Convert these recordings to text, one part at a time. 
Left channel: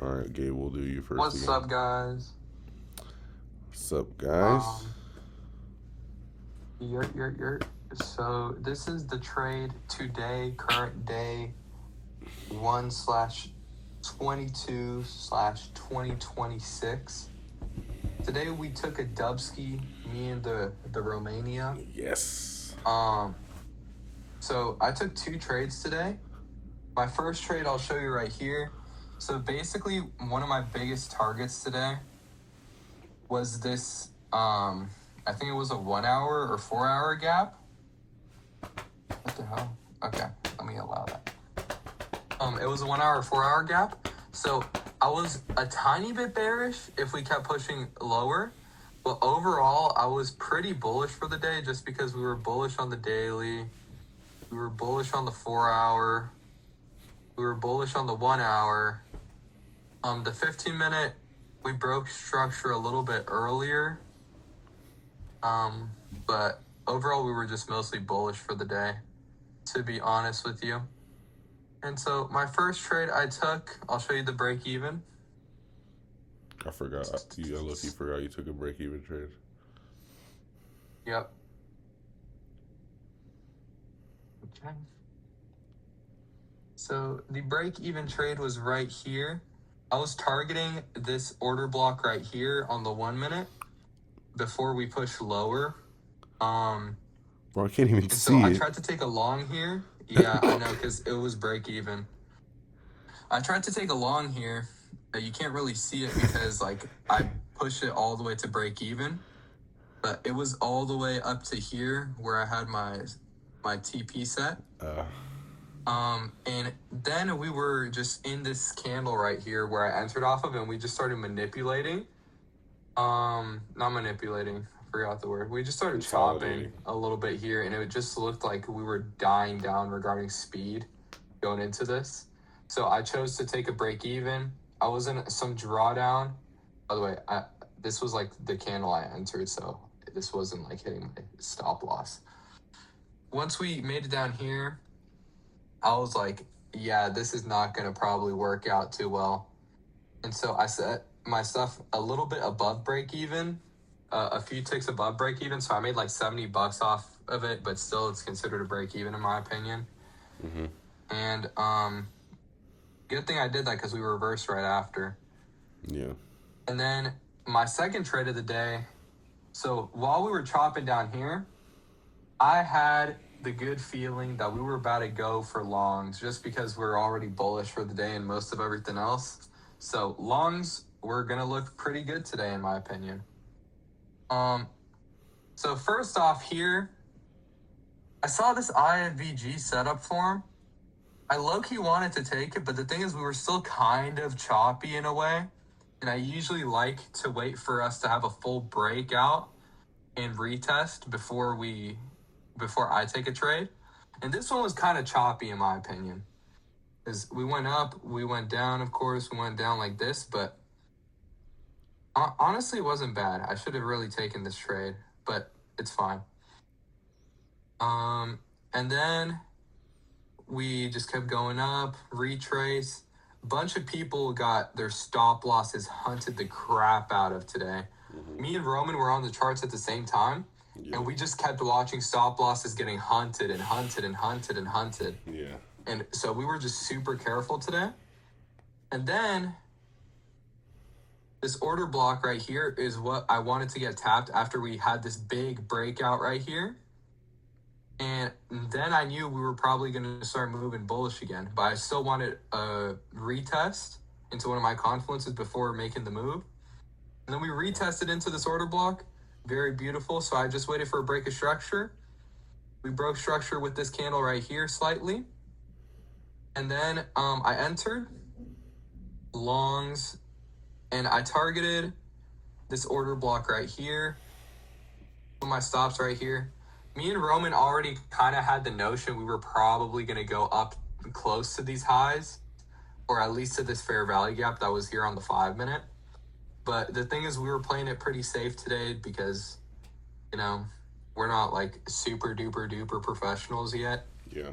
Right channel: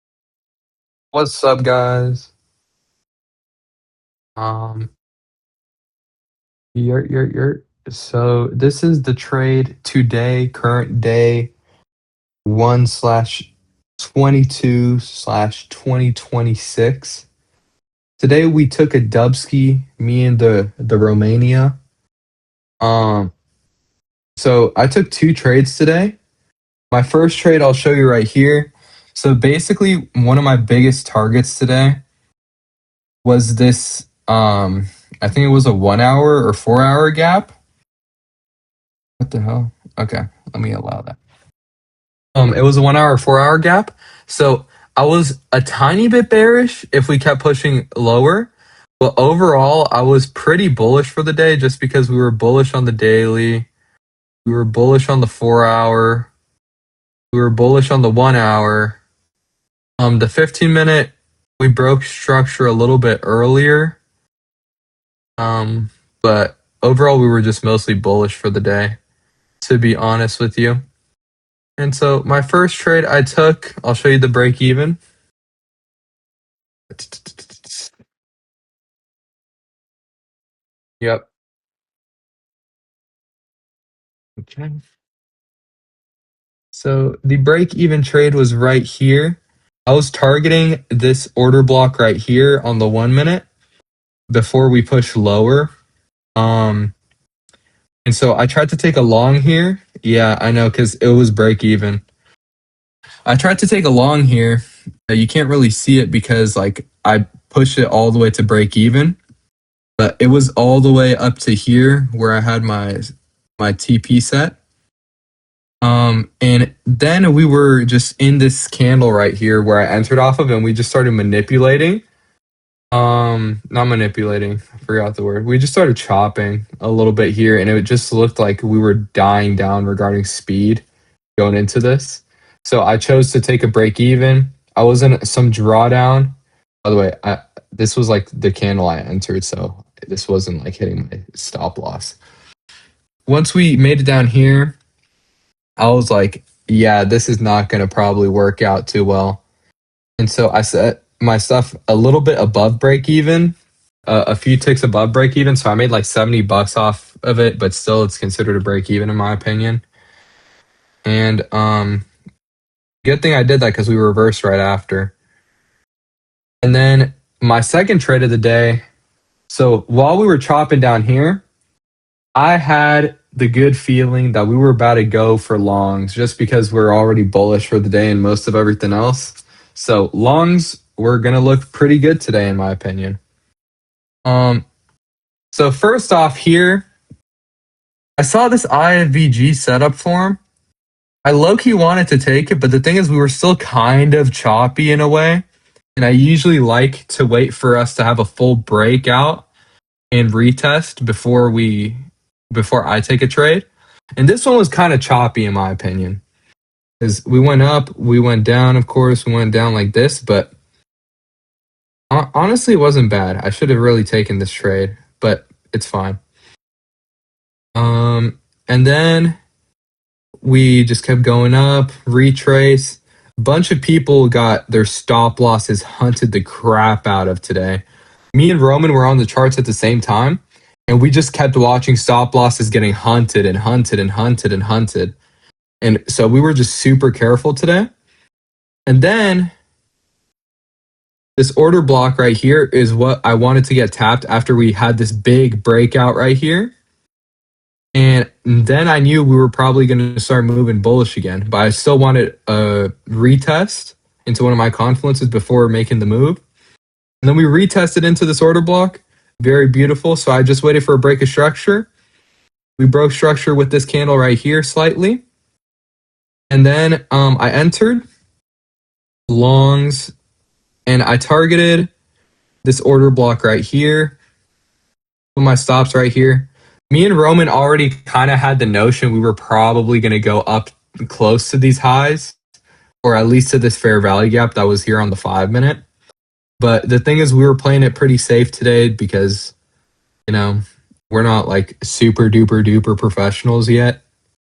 All right, Gabe, we'll do you first What's again. up, guys? What's up, guys? Um, you're. So this is the trade today, current day 1/22/2026. Today we took a dubski, me and the Romania. Yes. Um, so I took two trades today. My first trade I'll show you right here. So basically, one of my biggest targets today was this. I think it was a 1 hour or 4 hour gap. What the hell? Okay, let me allow that. It was a 1 hour, 4 hour gap. So I was a tiny bit bearish if we kept pushing lower. But overall, I was pretty bullish for the day just because we were bullish on the daily. We were bullish on the 4 hour. We were bullish on the 1 hour. The 15 minute, we broke structure a little bit earlier. Um, but overall, we were just mostly bullish for the day, to be honest with you. And so my first trade I took, I'll show you the break even. I forgot. You look. You forgot you took a break even trade. Yep. Okay. So the break even trade was right here. I was targeting this order block right here on the 1 minute before we push lower. Um, Bro, I can't even and so I see it. tried to take a long here. Yeah, I know because it was break even. I tried to take a long here. You can't really see it because like I pushed it all the way to break even, but it was all the way up to here where I had my TP set. Uh, And then we were just in this candle right here where I entered off of, and we just started manipulating. Not manipulating, I forgot the word. We just started chopping Consolidating. a little bit here, and it just looked like we were dying down regarding speed going into this. So I chose to take a break even. I was in some drawdown. By the way, this was like the candle I entered, so this wasn't like hitting my stop loss. Once we made it down here, I was like, yeah, this is not going to probably work out too well. And so I set my stuff a little bit above break even, a few ticks above break even. So I made like $70 off of it, but still it's considered a break even in my opinion. Mm-hmm. And good thing I did that because we reversed right after. Yeah. And then my second trade of the day. So while we were chopping down here, I had the good feeling that we were about to go for longs just because we're already bullish for the day and most of everything else. So longs were gonna look pretty good today, in my opinion. Um, so first off here, I saw this IFVG setup form. I low-key wanted to take it, but the thing is we were still kind of choppy in a way. And I usually like to wait for us to have a full breakout and retest before I take a trade. And this one was kind of choppy in my opinion. Because we went up, we went down, of course, we went down like this, but honestly, it wasn't bad. I should have really taken this trade, but it's fine. And then we just kept going up, retrace. A bunch of people got their stop losses hunted the crap out of today. Mm-hmm. Me and Roman were on the charts at the same time, and Yep. we just kept watching stop losses getting hunted and hunted and hunted and hunted. Yeah. And so we were just super careful today. And then this order block right here is what I wanted to get tapped after we had this big breakout right here. And then I knew we were probably going to start moving bullish again, but I still wanted a retest into one of my confluences before making the move. And then we retested into this order block. Very beautiful. So I just waited for a break of structure. We broke structure with this candle right here slightly. And then I entered longs and I targeted this order block right here. Put my stops right here. Me and Roman already kind of had the notion we were probably going to go up close to these highs, or at least to this fair value gap that was here on the 5 minute. But the thing is, we were playing it pretty safe today because, you know, we're not like super duper duper professionals yet. Yeah.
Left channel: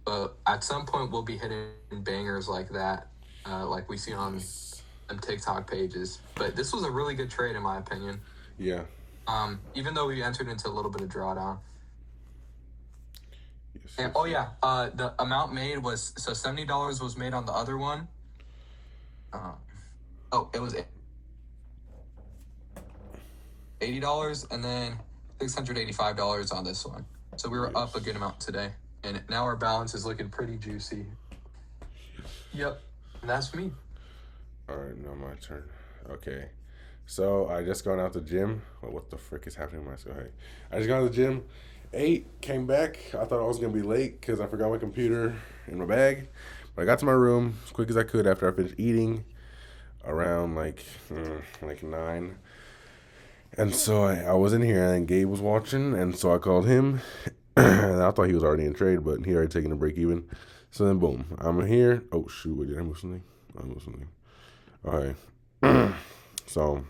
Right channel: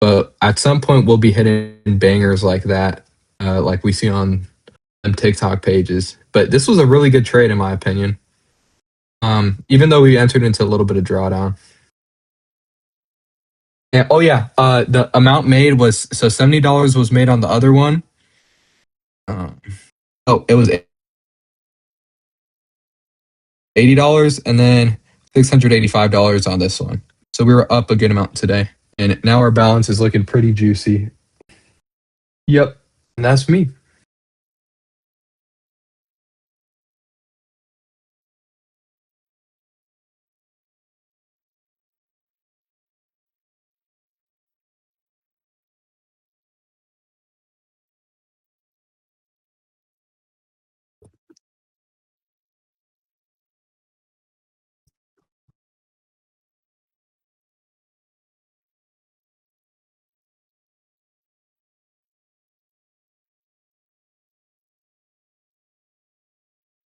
But at some point, we'll be hitting bangers like that, like we see on Yes. them TikTok pages. But this was a really good trade in my opinion. Yeah. Even though we entered into a little bit of drawdown. Yes, And sir. oh yeah, the amount made was so $70 was made on the other one. Uh, oh, it was $80 and then $685 on this one. So we were up a good amount today. And now our balance is looking pretty juicy. Yep. And that's me. All right, now my turn. Okay. So I just gone out the gym. Well, what the frick is happening? So hey, I just got out the gym. Ate, came back. I thought I was gonna be late because I forgot my computer in my bag. But I got to my room as quick as I could after I finished eating, around like 9. And so I was in here, and Gabe was watching, and so I called him. And I thought he was already in trade, but he already taken a break even. So then, boom, I'm here. Oh shoot, wait, did I move something? I moved something. Okay. So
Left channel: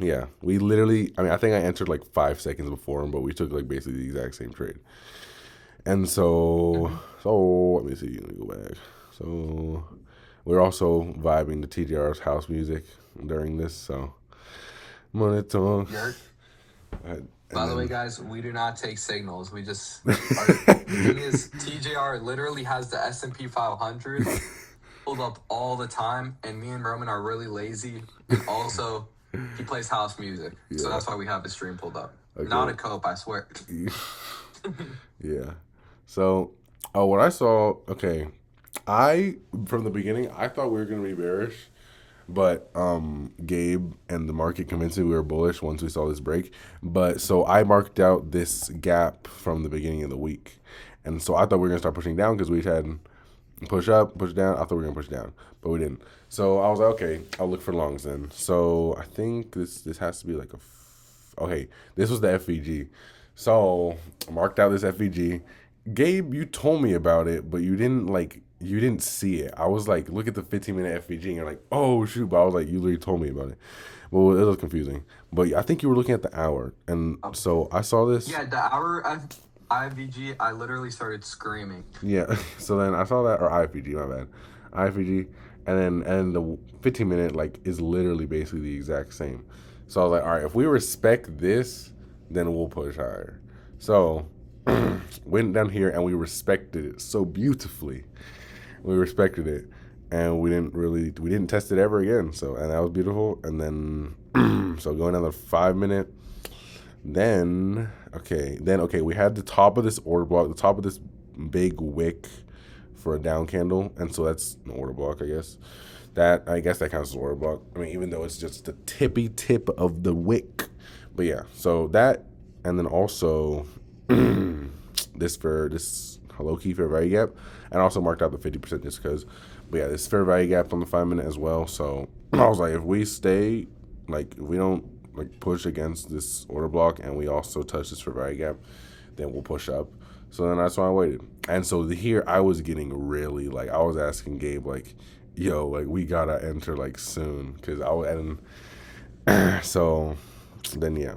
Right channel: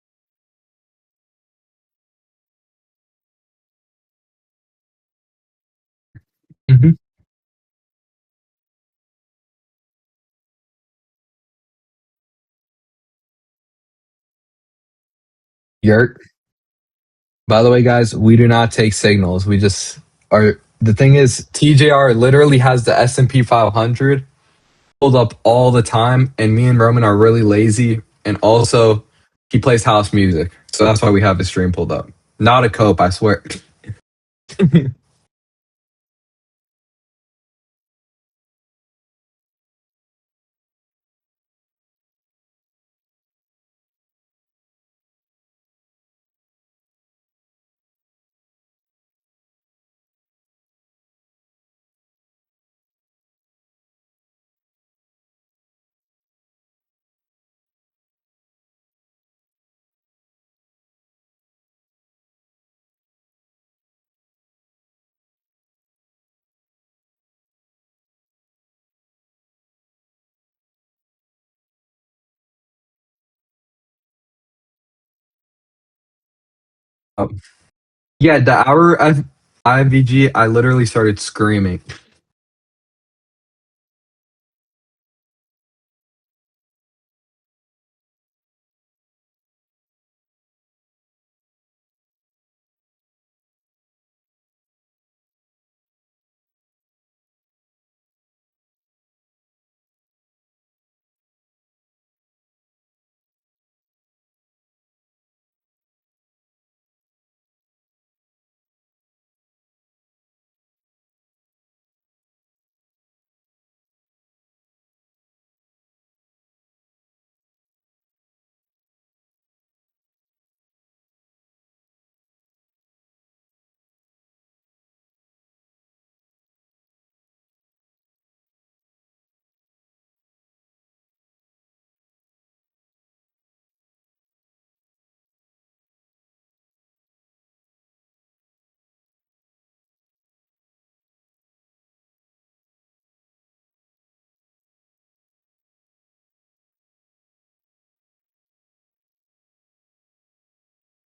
yeah, we literally. I mean, I think I entered like 5 seconds before him, but we took like basically the exact same trade. And so, Mhm. let me see. Let me go back. So we're also vibing to TJR's house music during this. So money talk. Yurt. I, By the way, guys, we do not take signals. We just are. The thing is, TJR literally has the S&P 500 pulled up all the time, and me and Roman are really lazy. And also, he plays house music, so yeah, that's why we have the stream pulled up. Not a exactly. cope, I swear. Yeah. So, what I saw. Okay, I from the beginning I thought we were gonna be bearish, but Gabe and the market convinced me we were bullish once we saw this break. But so I marked out this gap from the beginning of the week, and so I thought we were gonna start pushing down because we had push up, push down. I thought we were gonna push down, but we didn't. So I was like, okay, I'll look for longs then. So I think this has to be like okay, this was the FVG. So I marked out this FVG. Gabe, you told me about it, but you didn't see it. I was like, look at the 15-minute FVG, and you're like, oh shoot, but I was like, you literally told me about it. Well, it was confusing, but I think you were looking at the hour, and Oh, so I saw this. yeah, the hour of IVG, I literally started screaming. Yeah. So then I saw that, or IFBG, my bad, IFBG, and the 15-minute like is literally basically the exact same. So I was like, all right, if we respect this, then we'll push higher. So went down here and we respected it so beautifully. We respected it, and we didn't test it ever again. So and that was beautiful. And then so going down the 5 minute, then we had the top of this order block, the top of this big wick for a down candle, and so that's an order block, I guess. That counts as an order block. I mean, even though it's just the tippy tip of the wick, but yeah. So that, and then also this low key fair value gap, and also marked out the 50% just because. But yeah, this fair value gap on the 5 minute as well. So I was like, if we stay, like if we don't like push against this order block, and we also touch this fair value gap, then we'll push up. So then that's why I waited. And so here I was getting really like I was asking Gabe like, yo, like we gotta enter like soon because I was and so then yeah,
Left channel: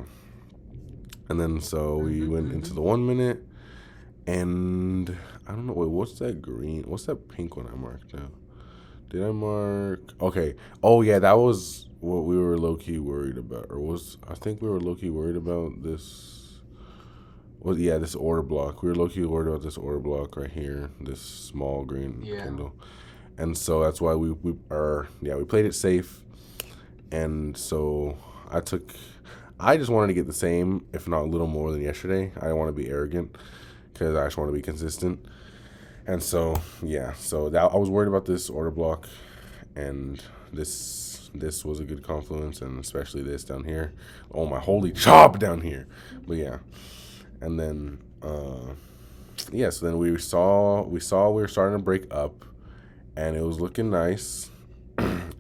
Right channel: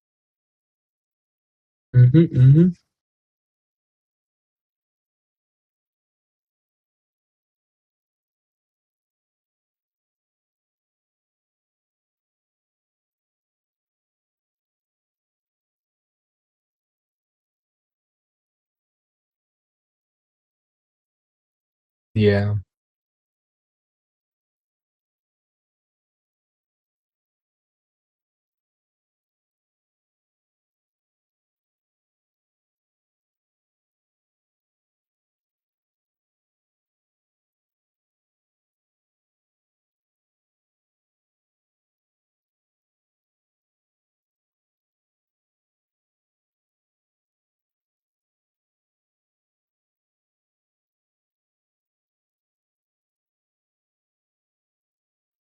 and then so Hmm. we went into Hmm. the 1 minute, and I don't know. Wait, what's that green? What's that pink one I marked now? Did I mark? Okay. Oh yeah, that was what we were low key worried about, or was I think we were low key worried about this. Well, yeah, this order block. We were low key worried about this order block right here, this small green Yeah. candle, and so that's why we played it safe, and so I took. I just wanted to get the same, if not a little more than yesterday. I didn't want to be arrogant because I just want to be consistent. And so yeah, so that I was worried about this order block, and this was a good confluence, and especially this down here. Oh my holy chop down here, but yeah, and then yeah, so then we were starting to break up, and it was looking nice,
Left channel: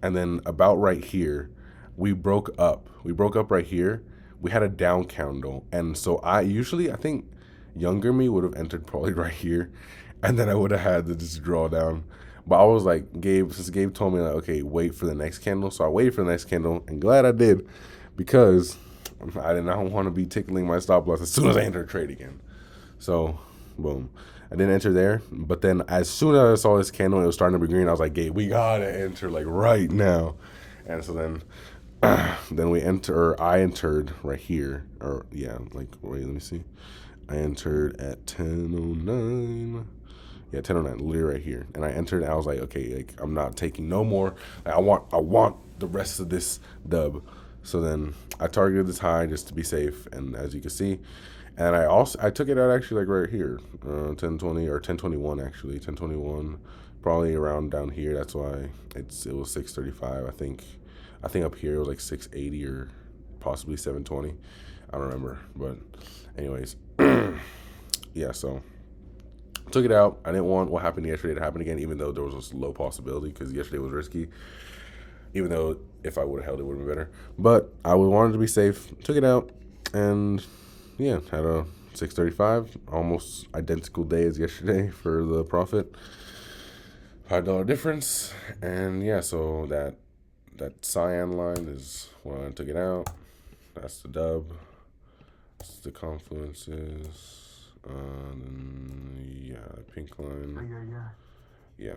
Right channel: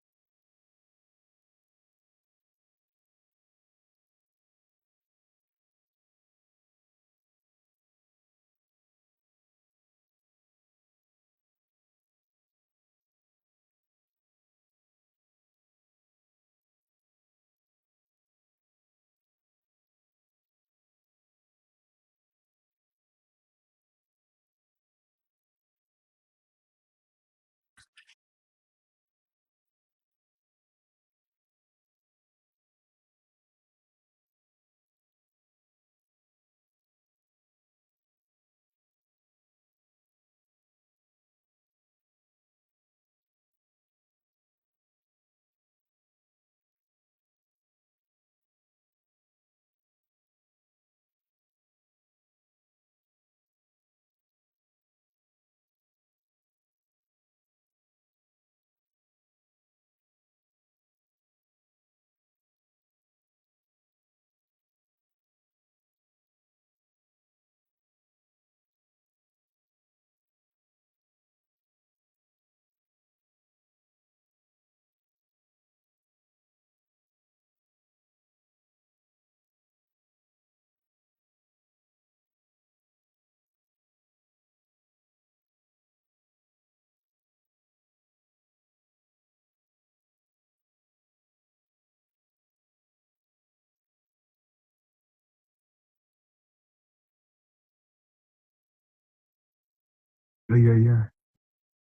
and then about right here, we broke up. We broke up right here. We had a down candle, and so I think younger me would have entered probably right here, and then I would have had to just draw down. But I was like, since Gabe told me like, okay, wait for the next candle, so I waited for the next candle, and glad I did, because I did not want to be tickling my stop loss as soon as I enter a trade again. So, boom. I didn't enter there, but then as soon as I saw this candle, it was starting to be green. I was like, Gabe, we gotta enter like right now. And so then, then we enter. Or I entered right here, or yeah, like wait, let me see. I entered at 10:09. Yeah, 10:09, literally right here. And I entered. And I was like, okay, like I'm not taking no more. Like, I want the rest of this dub. So then I targeted this high just to be safe. And as you can see, and I took it out actually like right here, 10:20 or 10:21 actually, 10:21, probably around down here. That's why it was 6:35. I think up here it was like 6:80 or possibly 7:20. I don't remember, but anyways, yeah. So took it out. I didn't want what happened yesterday to happen again, even though there was a low possibility because yesterday was risky. Even though if I would have held it, would have been better. But I wanted to be safe. Took it out, and yeah, had a 6:35, almost identical day as yesterday for the profit. $5 difference, and yeah, so that cyan line is when I took it out. That's the dub. That's the confluences. Yeah, pink line. Yeah. Yeah.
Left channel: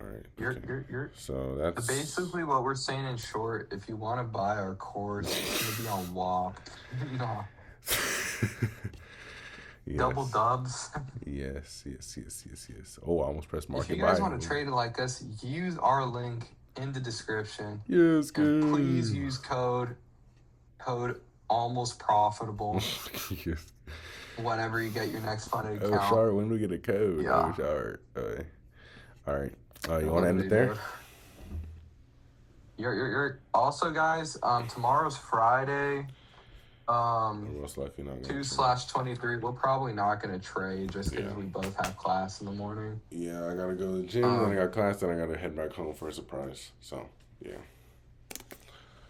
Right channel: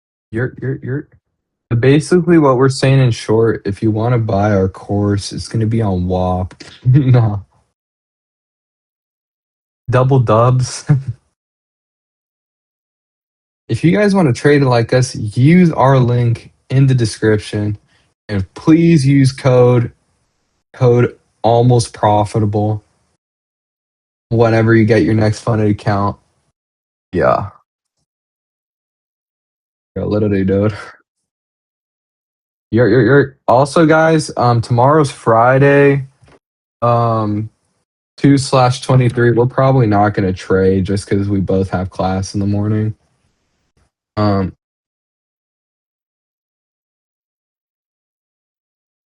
All right. You're. So that's Basically, what we're saying in short, if you want to buy our course, it's going to be on WAP. No. Double yes, dubs. yes. Oh, I almost pressed If buy. you guys Buy. want to trade like us, use our link in the description. Yes, And good. please use code almost profitable Yes. whenever you get your next funded Oh, account. sorry. When do we get a code? Yeah. Okay. All right. Yeah, You want to end literally, it there? dude. You're also, guys, tomorrow's Friday. We're most likely not gonna trade. 2/23. We're probably not gonna trade just because we both have class in the morning. Yeah, I gotta go to the gym. Then I Um, got class. Then I gotta head back home for a surprise. So yeah.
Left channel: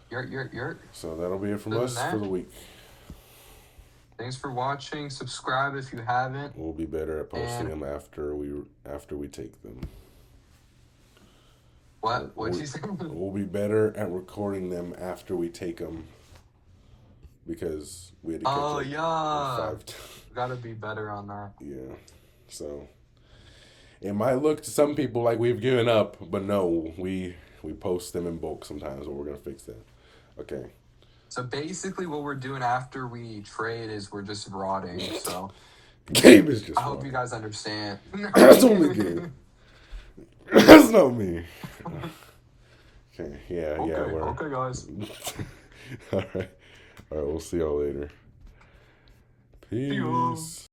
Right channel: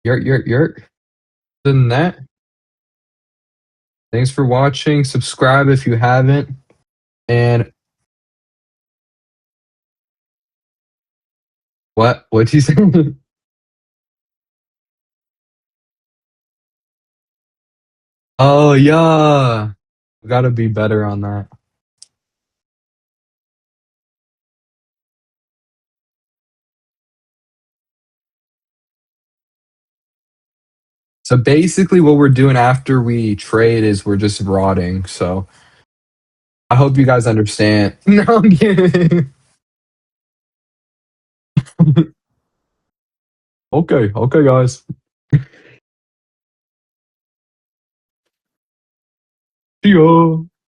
you're So that'll be it other for than us for that, the week. thanks for watching. Subscribe if you haven't. We'll be better at posting And them after we take them. what'd you say? We'll be better at recording them after we take them because we had to Oh take them yeah. 5 times. Gotta be better on that. Yeah. So it might look to some people like we've given up, but no, we post them in bulk sometimes, but we're gonna fix that. Okay. So basically what we're doing after we trade is we're just rotting. So Gabe is I just hope you funny. guys understand. No, I'm That's not me, Gabe. kidding. That's not me. Okay. Yeah. Yeah. Okay, guys. All right. All right. We'll see y'all later. See ya. Peace.